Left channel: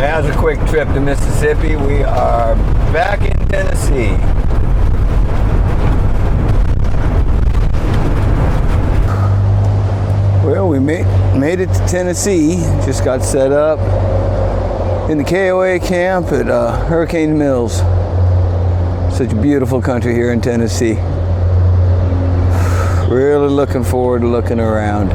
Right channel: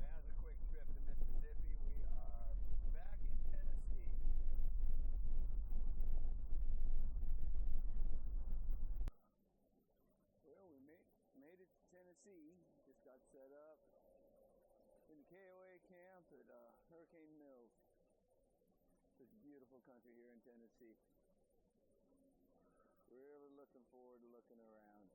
As a quick trip to Mississippi, we are back in Tennessee. Well, we made it to Tennessee. Just got set up in the KOA camp at Hurricane Mills. Such a beautiful country here in Tennessee. Really looking forward to looking around.